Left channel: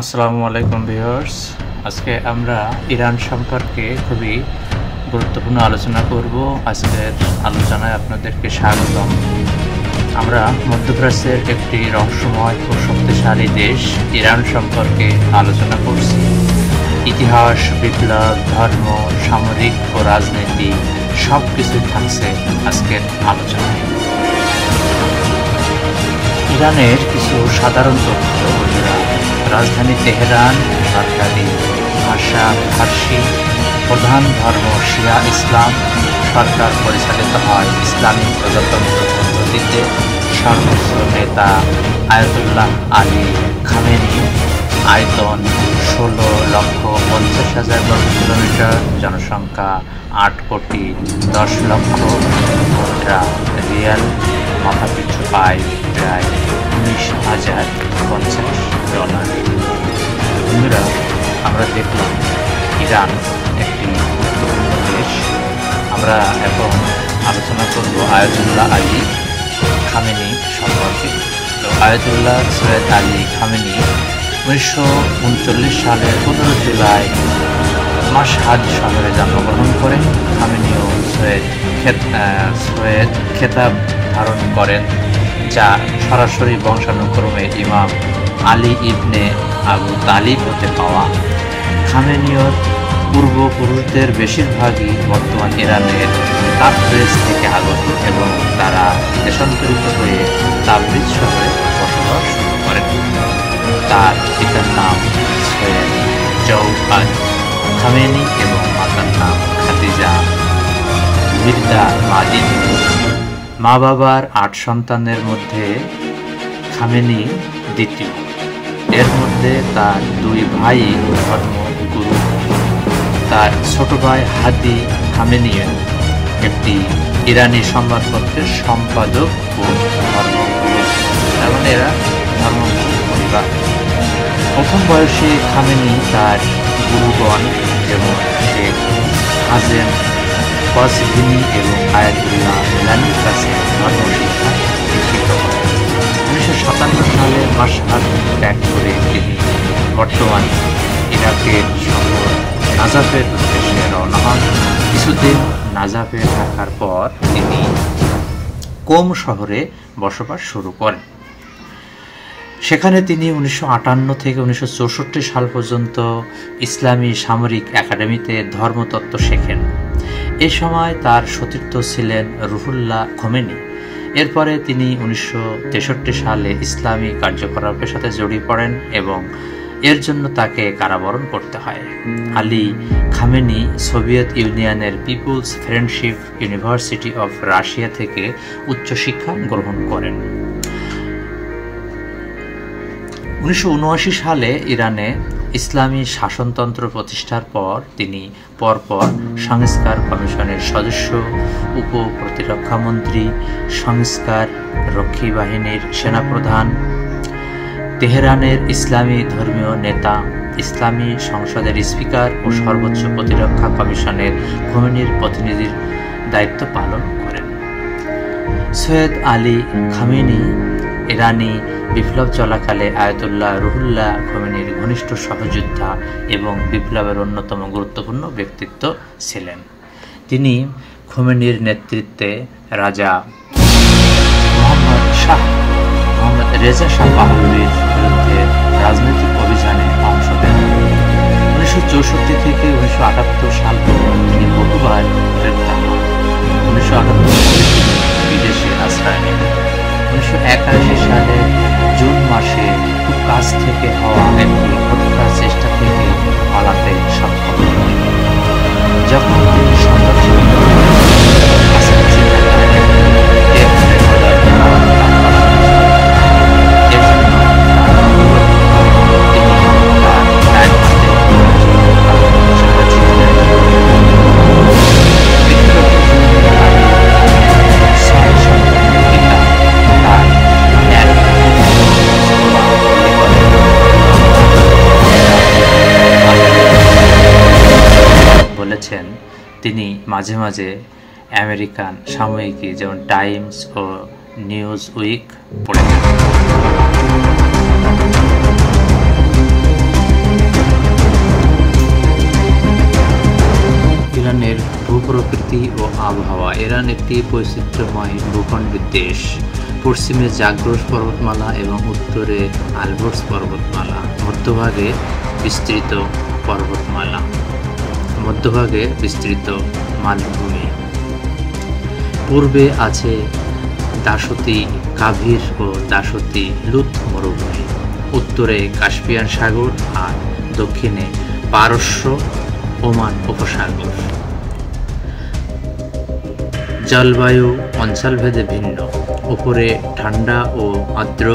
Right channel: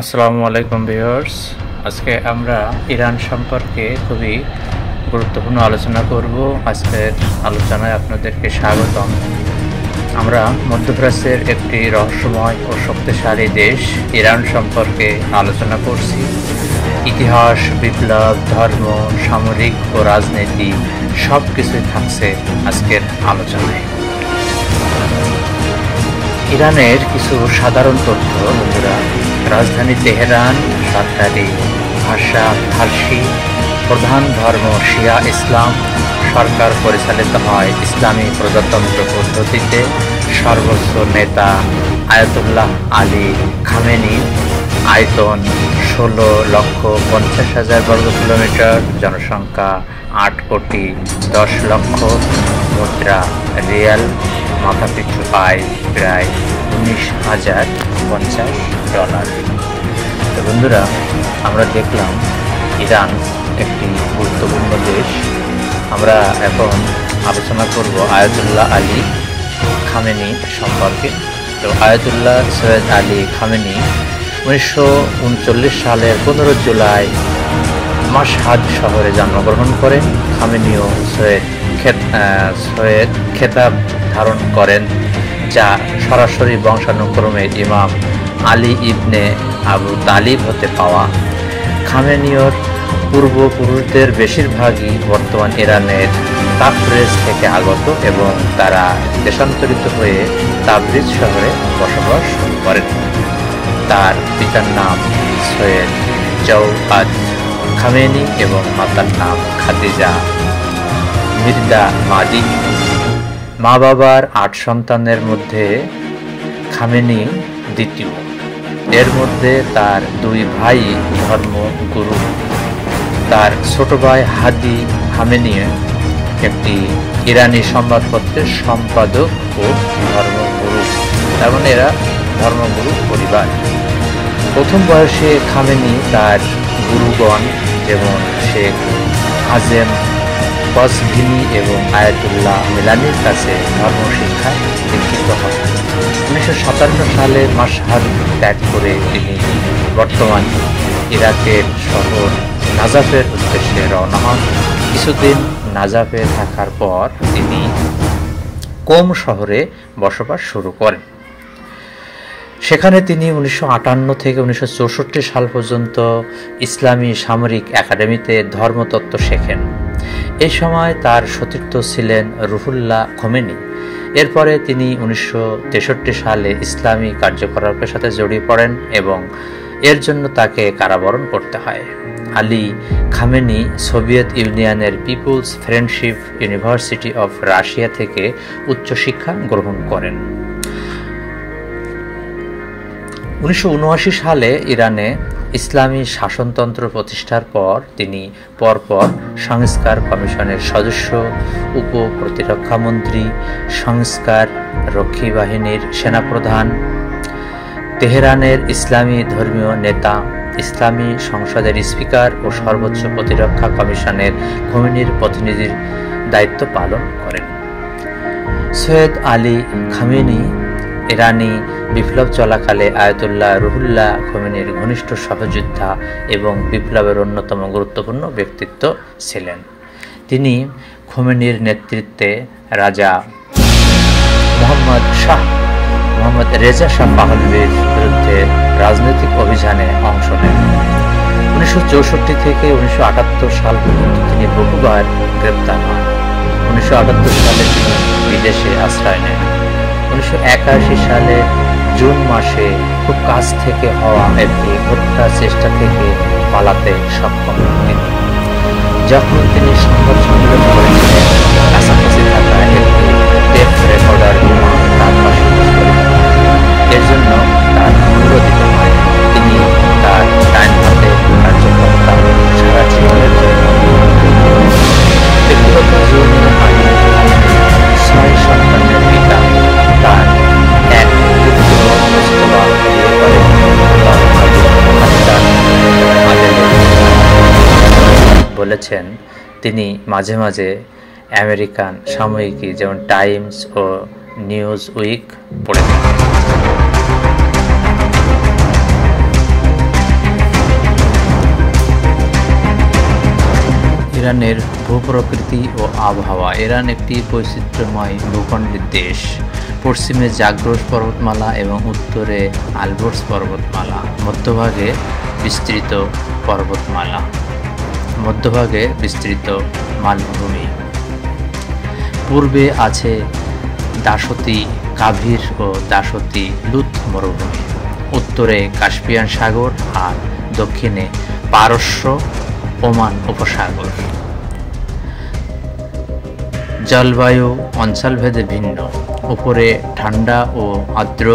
আসসালামু আলাইকুম ভিউয়ার্স। আজকে আমরা ইরান সম্পর্কে খুবই গুরুত্বপূর্ণ আলোচনা করব। আজকের আলোচনায় আপনাদেরকে স্বাগতম। আমরা মধ্যপ্রাচ্যের একটি রহস্যময় ও শক্তিশালী দেশ ইরান সম্পর্কে আলোচনা করছি। ইতিহাস, বিপ্লব, ধর্ম, সামরিক ও রাজনীতি সব কিছুই থাকছে আজকের আলোচনায়। ইরানের কিছু সাধারণ তথ্য বন্ধুরা। রাজধানী তেহরান, সরকারি ভাষা ফার্সি, প্রধান ধর্ম শিয়া ইসলাম, সরকার পরিচালিত হয় ইসলামী প্রজাতন্ত্র পদ্ধতিতে, সর্বোচ্চ নেতা আয়াতুল্লাহ আলী খামেনি, আয়তন 16,50,000 বর্গ কিলোমিটার, জনসংখ্যা 8,10,00,000, মুদ্রা রিয়াল, মাথাপিছু আয় প্রায় $19,050। তো বন্ধুরা, আমরা দেখলাম ইরান একটি গুরুত্বপূর্ণ দেশ। আমরা এখন আলোচনা করব আয়াতুল্লাহ আলী খামেনি সম্পর্কে। তো আয়াতুল্লাহ সৈয়দ আলী খামেনি 1939 সালের 15 জুলাই মাশহাদ শহরে জন্মগ্রহণ করেন। খামেনিও সৈয়দ খেতাব ধারণ করেন, যা সরাসরি বংশানুক্রমে ইমাম আলী ইবনে আবু তালিব হতে পাওয়া। খামেনিয়র পূর্বপুরুষদের বেশিরভাগই বর্তমান ইরানের তাবরিজ থেকে আগত এবং তারা দেশান্তরিত হয়ে তাবরিজ শহরে বসবাস শুরু করেন। তার পিতার নাম সৈয়দ জওয়াদ খামেনি এবং মাতার নাম খাদিজা মির্জা মাজিদ। মা বাবার 8 সন্তানের মধ্যে খামেনি দ্বিতীয়। এর মধ্যে তার 2 ভাই ধর্মগুরু। তার ছোট ভাই হাদি খামেনি একটি ইরানি সংবাদপত্রের সম্পাদক ও ধর্মগুরু। তার মানে এরা ধর্মগুরু পরিবার। প্রথম বয়সে খামেনি তার গুরুগণ যেমন শেখ হাজেম কসভিনি এবং আয়াতুল্লাহ মিলানির কাছে ধর্মশিক্ষায় দীক্ষিত হন। 1957 সালে মাশহাদ ত্যাগ করে তিনি বর্তমান ইরাকের শহর নাজাফের উদ্দেশ্যে রওনা হন। কিছুদিন নাজাফে থাকার পর তিনি কোম শহরে বসবাস শুরু করেন। সেখানে তিনি 1958 থেকে 1964 সাল পর্যন্ত ইসলামী সামরিক একাডেমিতে ধর্মতত্ত্ব শেখেন। এই সময় তার সতীর্থ ছিলেন রুহুল্লাহ খোমেনি। এরপরে তিনি 1963 সালে ইসলামী কার্যকলাপের সাথে জড়িয়ে পড়েন এবং এর জন্য তাকে কারাবরণ করতে হয়। আলী খামেনি সোভিয়েত ইউনিয়নের Peoples Friendship University of Russia থেকে উচ্চশিক্ষা গ্রহণ করেন। 1979 সালে ইরানে ইসলামী শাসনতন্ত্র প্রতিষ্ঠার পর তিনি পরপর সংস্কার কমিশনের সদস্য, উপ-প্রতিরক্ষামন্ত্রী, সংস্কার রক্ষী বাহিনীর সেনাপ্রধান, তেহরানের ইসলামী ধর্মীয় নেতা, ইসলামী সংসদের স্পিকার ও সর্বোচ্চ প্রতিরক্ষা কমিশনের খোমেনির প্রতিনিধির দায়িত্ব পালন করেন। সৈয়দ আলী খামেনি ইরানি বিপ্লব চলাকালে আয়াতুল্লাহ রুহুল্লাহ খোমেনির ঘনিষ্ঠ সহযোদ্ধা এবং বিপ্লবের অন্যতম গুরুত্বপূর্ণ ব্যক্তিত্ব ছিলেন। তিনি খোমেনির নেতৃত্বে রাজা মোহাম্মদ রেজা শাহ পাহলভীর বিরুদ্ধে রাজনৈতিক অভিযানে অংশ নেন। 1964 থেকে 1978 সাল পর্যন্ত তিনি বহুবার গ্রেপ্তার হন। 1978 সালে তিনি বিদেশে আশ্রয় নেন। 1981 সালে জুন মাসে খুব কাছ থেকে হওয়া একটি হত্যা চেষ্টা থেকে পালাতে সক্ষম হন। যখন তিনি সংবাদ সম্মেলন করেন, কাছাকাছি থাকা একটি টেপ রেকর্ডার তার পাশে এর জন্য তার অনুরোধ হয়। তিনি তার ডান হাতে কার্যকর্তা সারা জীবন ব্যক্তিগত জীবনের আগে 6 সন্তানের পিতা তার বলেছেন তিনি মাঝে মাঝে আমেরিকান সাময়িকী যেমন টাইমস ও নিউজ উইক পড়ে থাকেন। প্রকৃতি ও আবহাওয়া। ইরান একটি বৈচিত্র্যময় ভূখণ্ডের দেশ। পশ্চিমে জাগ্রস পর্বতমালা এবং উত্তরে আলবোর্স পর্বতমালা, মধ্যভাগে বিস্তৃত মালভূমি। পূর্বে আছে দাসতি কাভির ও দাসতি লুত মরুভূমি, উত্তরে কাস্পিয়ান সাগর আর দক্ষিণে পারস্য ওমান উপসাগর। জলবায়ু অঞ্চলভেদে ভিন্ন, উপরে ঠান্ডা ও আর্দ্র,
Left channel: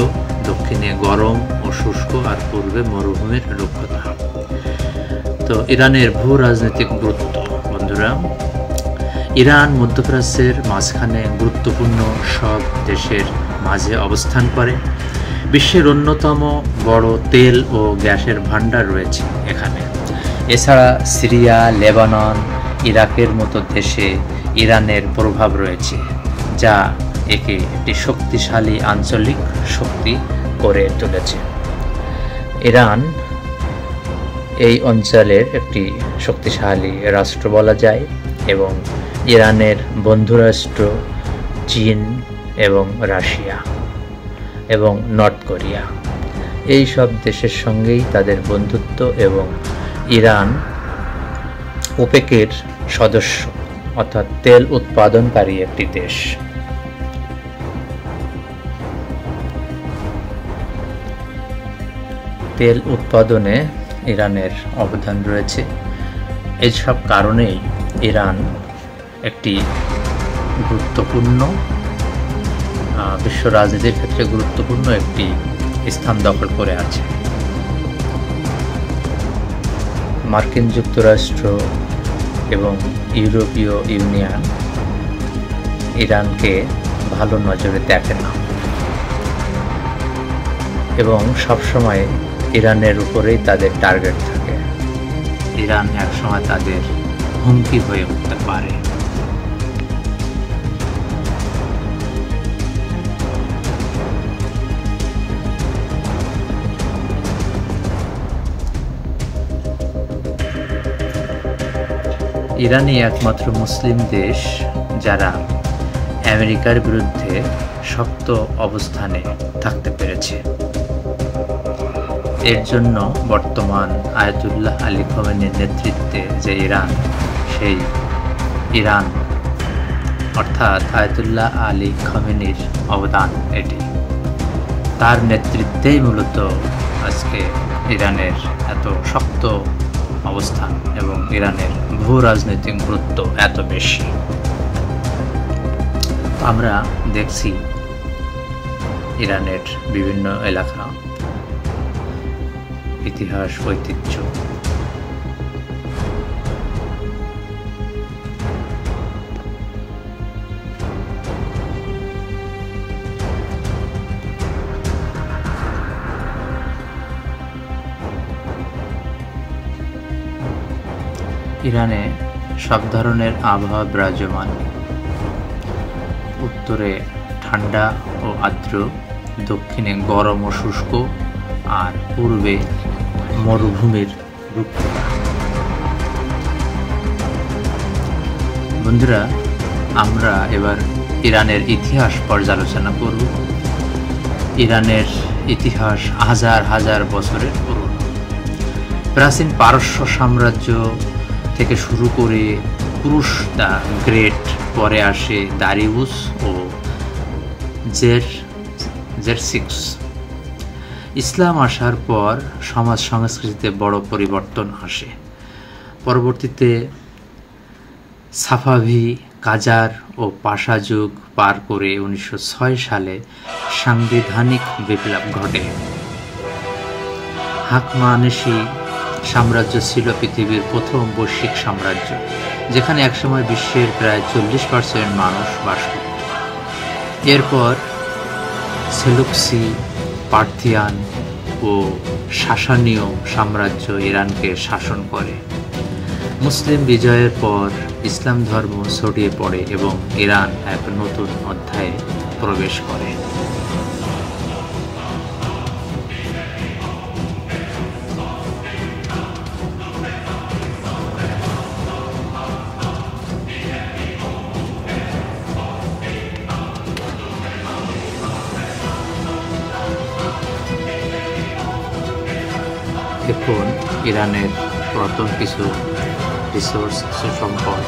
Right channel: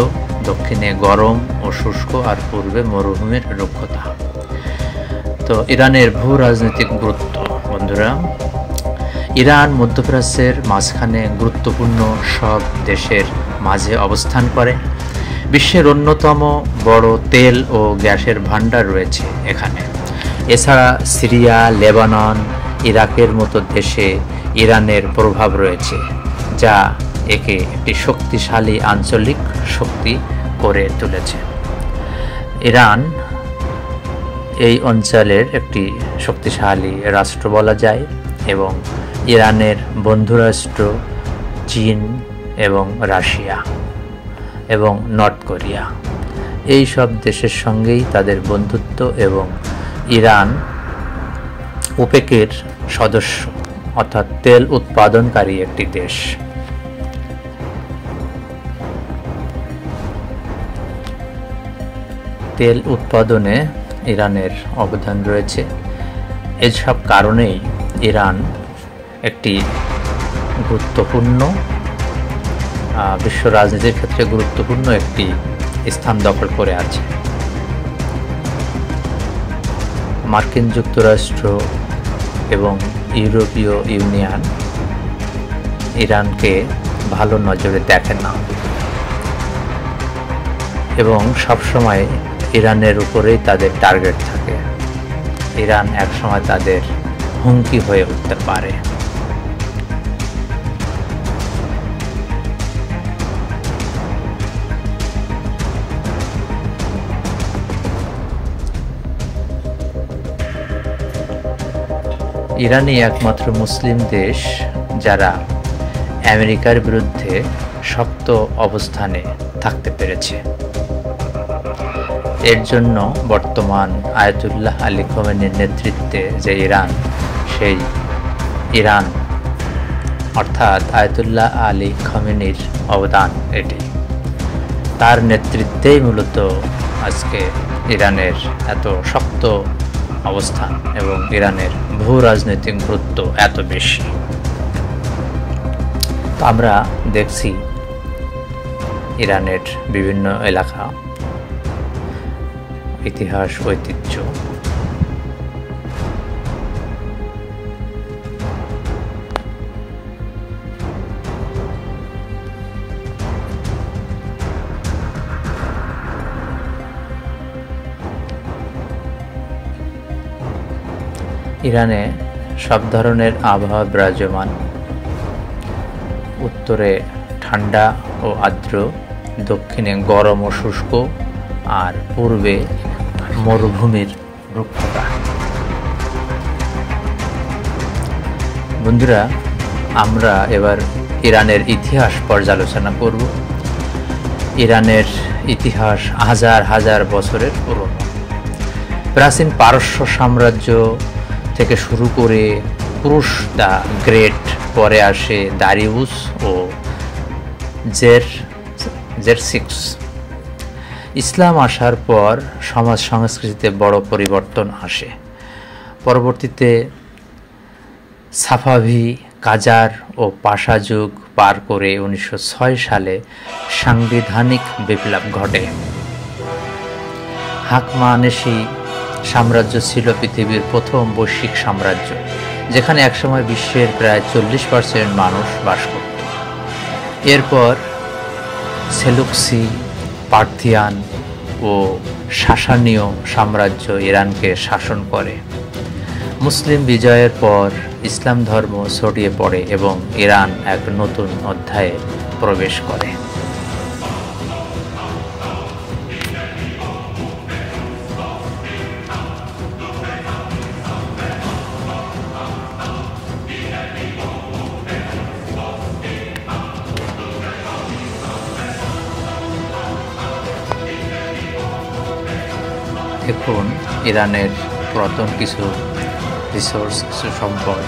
দক্ষিণে গরম ও শুষ্ক আর পূর্বে মরুভূমির রুক্ষতা। তো ইরানের ভূ রাজনৈতিক গুরুত্ব। বন্ধুরা, ইরান মধ্যপ্রাচ্যের মাঝখানে গুরুত্বপূর্ণ সব দেশের মাঝে অবস্থান করে। বিশ্বের অন্যতম বড় তেল ও গ্যাসের ভাণ্ডার রয়েছে এখানে। এছাড়া সিরিয়া, লেবানন, ইরাকের মতো দেশে ইরানের প্রভাব রয়েছে, যা একে একটি শক্তিশালী আঞ্চলিক শক্তি করে তুলেছে। ইরান এই অঞ্চলের একটি শক্তিশালী রাষ্ট্র বলা যায় এবং ইরানের বন্ধুরাষ্ট্র চীন এবং রাশিয়া এবং নর্থ কোরিয়া, এই সব দেশের সঙ্গেই তাদের বন্ধুত্ব এবং ইরান ওপেকের সদস্য, অর্থাৎ তেল উৎপাদনকারী একটি দেশ। তেল উৎপাদনে ইরানের অবদান রয়েছে। এইসব কারণেই ইরান একটি গুরুত্বপূর্ণ বিশ্ব রাজনীতির ক্ষেত্রে গুরুত্বপূর্ণ একটি স্থান দখল করে আছে। মার্কিন যুক্তরাষ্ট্র এবং ইউরোপীয় ইউনিয়ন ইরানকে ভালো নজরে দেখে না এবং সবসময় ইরানের উপরেই তাদের টার্গেট থাকে। ইরান একসময় তাদের হুমকি হয়ে উঠতে পারে। ইরানই একমাত্র মুসলিম দেশ যারা আমেরিকার বিরুদ্ধে শক্ত অবস্থানে থাকতে পেরেছে। এর জন্য বর্তমান আয়াতুল্লাহ আলী খোমেনির নেতৃত্বে যে ইরান, সেই ইরান অর্থাৎ আয়াতুল্লাহ আলী খোমেনির অবদান এটি। তার নেতৃত্বেই মূলত আজকে ইরানের এত শক্ত অবস্থান এবং ইরানের ভূ রাজনৈতিক গুরুত্ব এত বেশি। তো আমরা দেখছি ইরানের বিভিন্ন এলাকা, ইতিহাস, ঐতিহ্য। ইরানে সব ধরনের আবহাওয়া বিরাজমান। উত্তরে ঠান্ডা ও আর্দ্র, দক্ষিণে গরম ও শুষ্ক আর পূর্বে মরুভূমির রুক্ষতা। বন্ধুরা, আমরা এবার ইরানের ইতিহাস পর্যালোচনা করব। ইরানের ইতিহাস হাজার হাজার বছরের পুরনো। প্রাচীন পারস্য সাম্রাজ্য থেকে শুরু করে কুরুশ দ্য গ্রেট, পরে আসে দারিউস ও জেরসিক্স। ইসলাম আসার পর সমাজ সংস্কৃতিতে বড় পরিবর্তন আসে। পরবর্তীতে সাফাভি, কাজার ও পাশা যুগ পার করে 1906 সালে সাংবিধানিক বিপ্লব ঘটে। হাকমানেশি সাম্রাজ্য ছিল পৃথিবীর প্রথম বৈশ্বিক সাম্রাজ্য, যেখানে একসময় বিশ্বের প্রায় 40% মানুষ বাস করত। এরপর সেলুকসি, পার্থিয়ান ও সাসানীয় সাম্রাজ্য ইরানকে শাসন করে। মুসলিম বিজয়ের পর ইসলাম ধর্ম ছড়িয়ে পড়ে এবং ইরান এক নতুন অধ্যায়ে প্রবেশ করে। দেখুন ইরানের পুরাতন কিছু রিসোর্স, কিছু সম্পদ।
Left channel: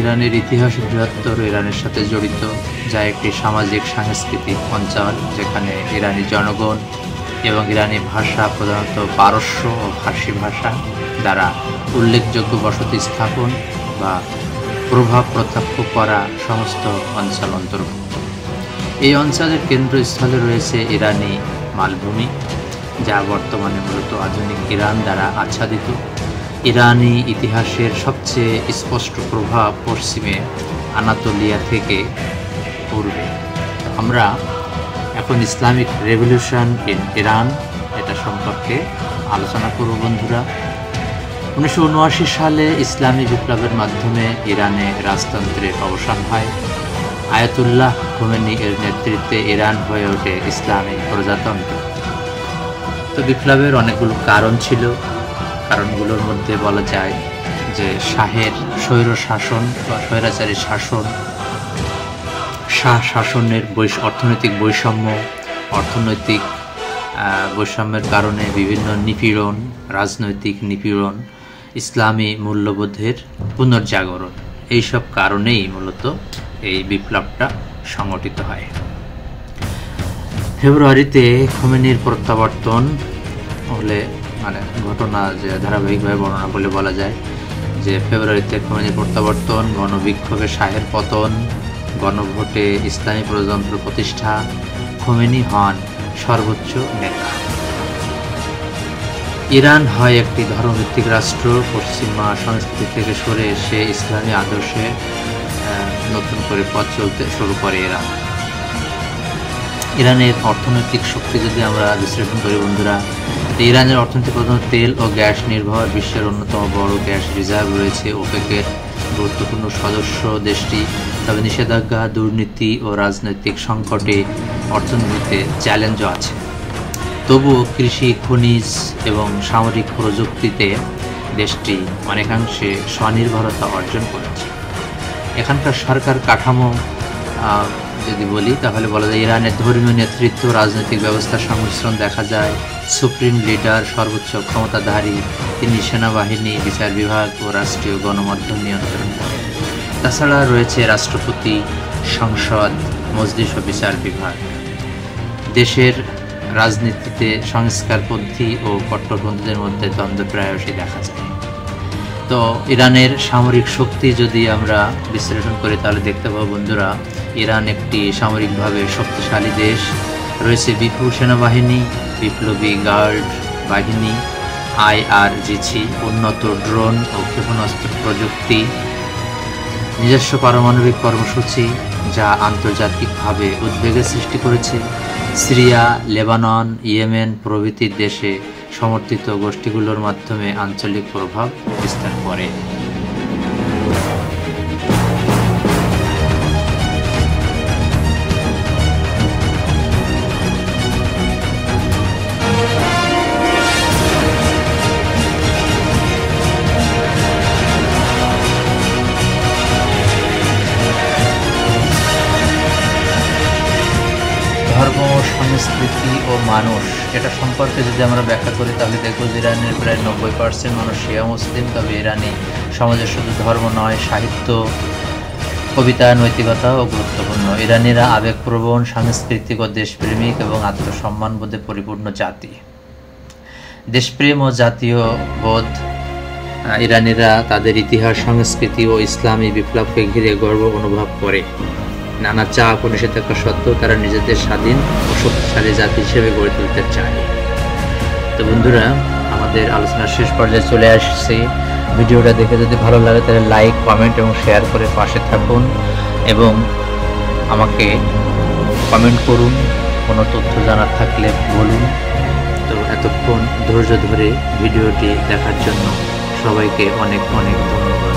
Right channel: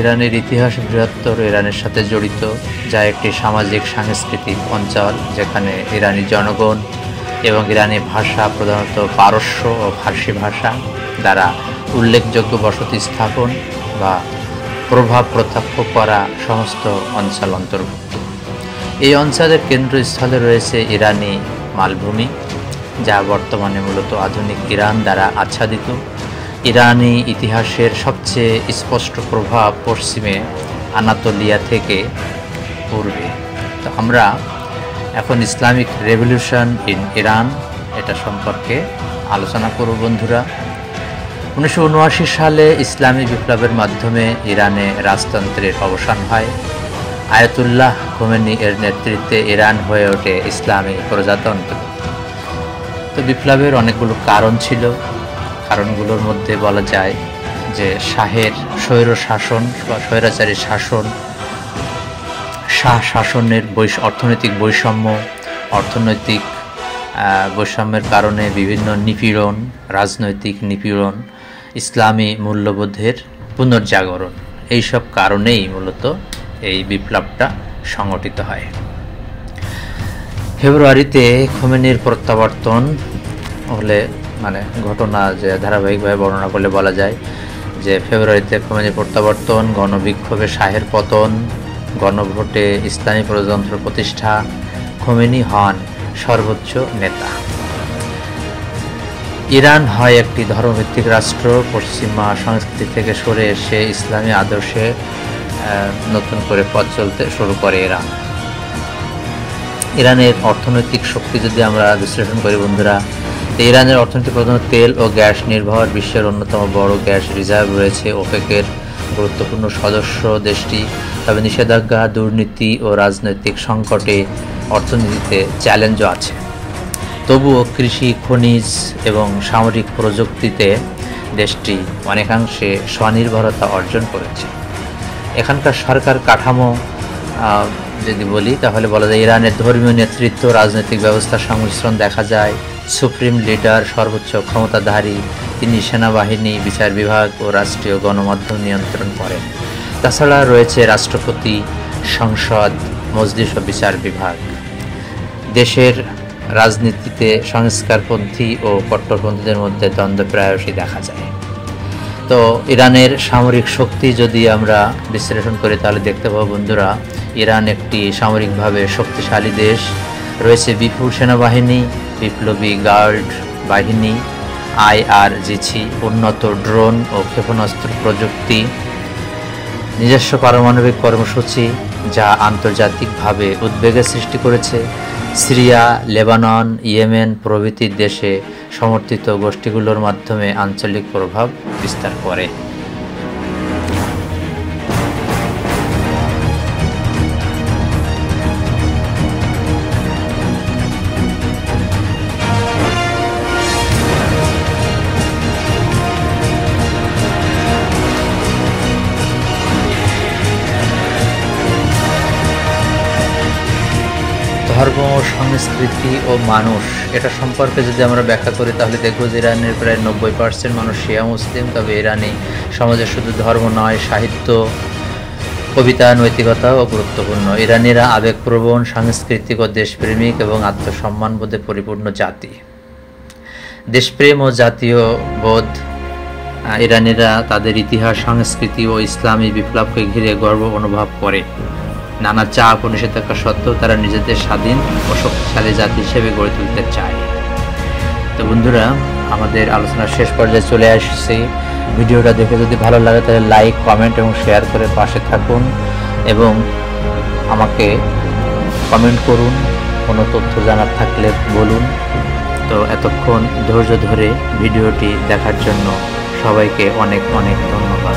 ইরানের ইতিহাস বৃহত্তর ইরানের সাথে জড়িত, যা একটি সামাজিক সাংস্কৃতিক অঞ্চল যেখানে ইরানি জনগণ এবং ইরানি ভাষা, প্রধানত পারস্য ও ফার্সি ভাষা দ্বারা উল্লেখযোগ্য বসতি স্থাপন বা প্রভাব প্রত্যক্ষ করা সমস্ত অঞ্চল অন্তর্ভুক্ত। এই অঞ্চলের কেন্দ্রস্থলে রয়েছে ইরানি মালভূমি, যা বর্তমানে মূলত আধুনিক ইরান দ্বারা আচ্ছাদিত। ইরানি ইতিহাসের সবচেয়ে স্পষ্ট প্রভাব পশ্চিমে আনাতোলিয়া থেকে পূর্বে। তো আমরা এখন ইসলামিক রেভলিউশন ইন ইরান এটা সম্পর্কে আলোচনা করব বন্ধুরা। 1979 সালে ইসলামী বিপ্লবের মাধ্যমে ইরানে রাজতন্ত্রের অবসান হয়। আয়াতুল্লাহ খোমেনি এর নেতৃত্বে ইরান হয়ে ওঠে ইসলামী প্রজাতন্ত্র। তো বিপ্লবের অনেকগুলো কারণ ছিল। কারণগুলোর মধ্যে বলা যায় যে শাহের স্বৈর শাসন বা স্বৈরাচারী শাসন, শাসনের অর্থনৈতিক বৈষম্যের কারণে বিভিন্ন নিপীড়ন, রাজনৈতিক নিপীড়ন, ইসলামী মূল্যবোধের পুনর্জাগরণ, এইসব কারণেই মূলত এই বিপ্লবটা সংগঠিত হয়। ফেব্রুয়ারিতে খোমেনির প্রত্যাবর্তন হলে ঘটনা যে ধারাবাহিকভাবে বর্ণনা করলে বলা যায় যে ফেব্রুয়ারিতে খোমেনির প্রত্যাবর্তন, গণবিক্ষোভে শাহের পতন, গণভোটে ইসলামী প্রজাতন্ত্র প্রতিষ্ঠা, খোমেনি হন সর্বোচ্চ নেতা। ইরান হয় একটি ধর্মভিত্তিক রাষ্ট্র। পশ্চিমা সংস্কৃতি থেকে সরে এসে ইসলামী আদর্শে নতুন করে পথ চলতে শুরু করে ইরান। ইরানের অর্থনৈতিক শক্তি যদি আমরা বিশ্লেষণ করি বন্ধুরা, ইরানের অর্থনীতি প্রধানত তেল ও গ্যাস নির্ভর। বিশ্বের অন্যতম বড় গ্যাস রিজার্ভ রয়েছে ওপেকের গুরুত্বপূর্ণ সদস্য দেশটি। তবে নিষেধাজ্ঞা, দুর্নীতি ও রাজনৈতিক সংকটে অর্থনীতিতে চ্যালেঞ্জও আছে। তবুও কৃষি, খনিজ এবং সামরিক প্রযুক্তিতে দেশটি অনেকাংশে স্বনির্ভরতা অর্জন করেছে। এখানকার সরকার কাঠামো যদি বলি তাহলে বলা যায় ইরানের ধর্মীয় নেতৃত্ব, রাজনৈতিক ব্যবস্থার সংমিশ্রণ দেখা যায়। সুপ্রিম লিডার সর্বোচ্চ ক্ষমতাধারী, তিনি সেনাবাহিনী, বিচার বিভাগ ও রাষ্ট্রীয় গণমাধ্যম নিয়ন্ত্রণ করেন। তাছাড়া রয়েছে রাষ্ট্রপতি, সংসদ, মজলিস ও বিচার বিভাগ। দেশের রাজনীতিতে সংস্কারপন্থী ও কট্টরপন্থীদের মধ্যে দ্বন্দ্ব প্রায়শই দেখা যায়। তো ইরানের সামরিক শক্তি যদি আমরা বিশ্লেষণ করি তাহলে দেখতে পাবো বন্ধুরা, ইরান একটি সামরিকভাবে শক্তিশালী দেশ। রয়েছে বিপুল সেনাবাহিনী, বিপ্লবী গার্ড বাহিনী, IRGC, উন্নত ড্রোন ও ক্ষেপণাস্ত্র প্রযুক্তি, নিজস্ব পারমাণবিক কর্মসূচি যা আন্তর্জাতিকভাবে উদ্বেগের সৃষ্টি করেছে। সিরিয়া, লেবানন, ইয়েমেন প্রভৃতি দেশে সমর্থিত গোষ্ঠীগুলোর মাধ্যমে আঞ্চলিক প্রভাব বিস্তার করে। ধর্ম, সংস্কৃতি ও মানুষ, এটা সম্পর্কে যদি আমরা ব্যাখ্যা করি তাহলে দেখব যে ইরানের প্রায় 90% মানুষ শিয়া মুসলিম। তবে ইরানি সমাজে শুধু ধর্ম নয়, সাহিত্য, কবিতা, নৈতিকতাও গুরুত্বপূর্ণ। ইরানিরা আবেগপ্রবণ, সাংস্কৃতিক ও দেশপ্রেমিক এবং আত্মসম্মানবোধে পরিপূর্ণ জাতি। দেশপ্রেম ও জাতীয় বোধ, ইরানিরা তাদের ইতিহাস, সংস্কৃতি ও ইসলামী বিপ্লবকে ঘিরে গর্ব অনুভব করে। নানা চাপ ও নিষেধাজ্ঞা সত্ত্বেও তারা নিজেদের স্বাধীন ও শক্তিশালী জাতি হিসেবে গড়ে তুলতে চায়। তো বন্ধুরা, আমাদের আলোচনার শেষ পর্যায়ে চলে আসছে। ভিডিওটা দেখে যদি ভালো লাগে তাহলে লাইক, কমেন্ট এবং শেয়ার করে পাশে থাকুন এবং আমাকে কমেন্ট করুন। কোনো তথ্য জানার থাকলে বলুন। তো এতক্ষণ ধৈর্য ধরে ভিডিওটি দেখার জন্য সবাইকে অনেক অনেক ধন্যবাদ।